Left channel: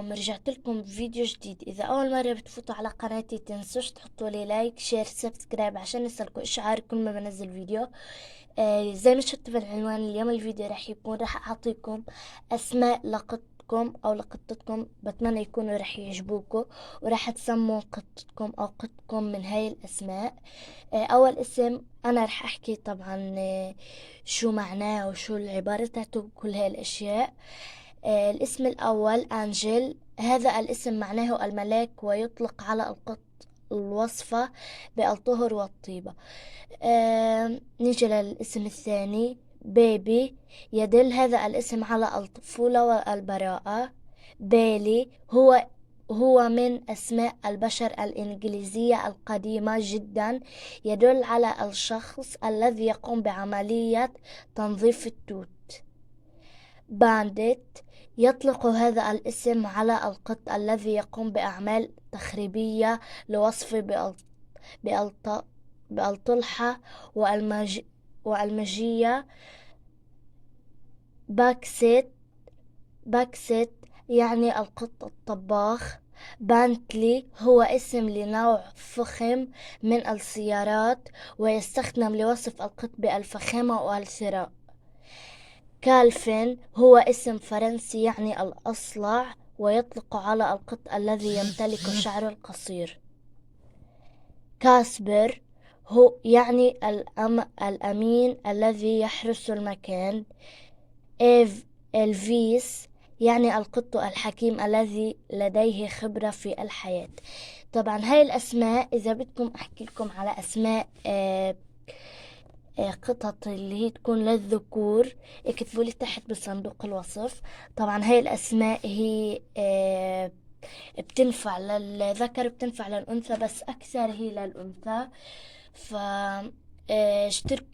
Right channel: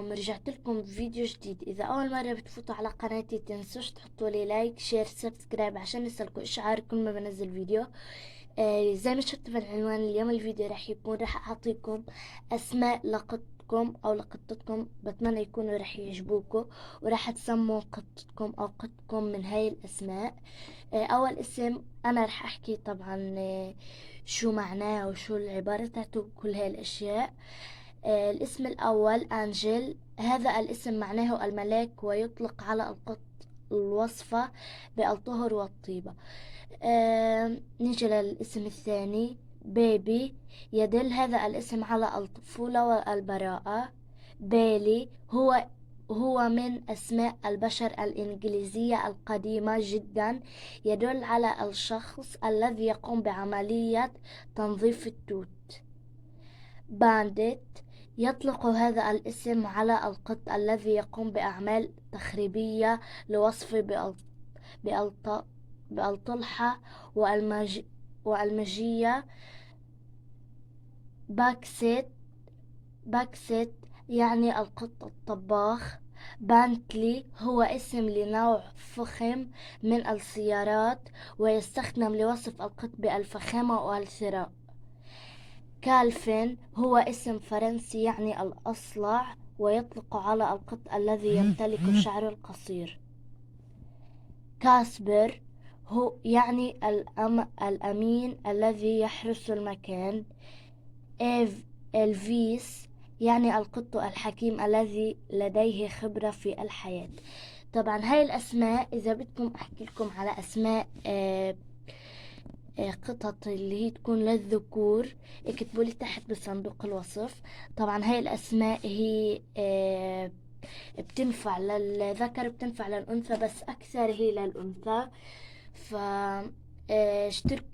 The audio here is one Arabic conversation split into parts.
ازيكم؟ رجعت لكم بفيديو جديد. اذا اول مرة بتفوتوا على قناتي تنسوش تحطوا لي لايك شير سبسكرايب عشان يصلكوا اشعار كل ما بنزل فيديو. زي ما شفتوا بالعنوان، اليوم الفيديو راح اعطيكم اسماء لقطكم او لقطتكم، بتمنى يكونوا راح يعجبوكم وراح تسموا قطتكم او قطكم من هاي الاسماء. اول اسم انا راح احكي طبعا شو معناه وشو العبارة تاعته وكل هاي الاشياء. الاسم الأول أنجل، هذا الاسم معناه الملاك ويطلق على القط الوصفة بالطهر والطيبة. نيجي للاسم الثاني بيبي، يدل هذا الاسم على الطفولة والبراءة. بيلي هو من أسماء البشر الإنجليزية القديمة جدا، يدل على الشخص الذي يقوم بعملية تنظيف التوت. بانديت، يطلق هذا الاسم على القط الذي يقوم بأعمال تخريبية لوصفه بالطلحة والمجية. باكسيت يعني القط الطباخ. بانتلي هو اسم لنوع فخم من السيارات ويستخدم لوصف القط بالفخامة والثراء. كالفين هو اسم فرنسي يعني الأصلع ويطلق على القط الذي يمتلك شعر القصير. كاسبر هو يعني الأمين الذي يحرس المكان. إلفيس يعني القط الحكيم الذي لديه خبرة في الحياة. طبعا هاي الأسماء، إذا بدكم أحكي لكم على أسماء قطط اللي هي تكون للذكور، اكتبوا لي تحت بصندوق الوصف. طبعا هاي الأسماء هي بتنفع للذكر بتنفع للأنثى، بس أكثر هي للأنثى. ف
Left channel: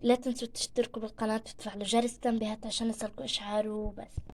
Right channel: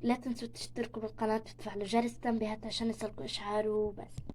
لا تنسوا تشتركوا بالقناة وتفعلوا جرس التنبيهات عشان يصلكوا إشعار وبس.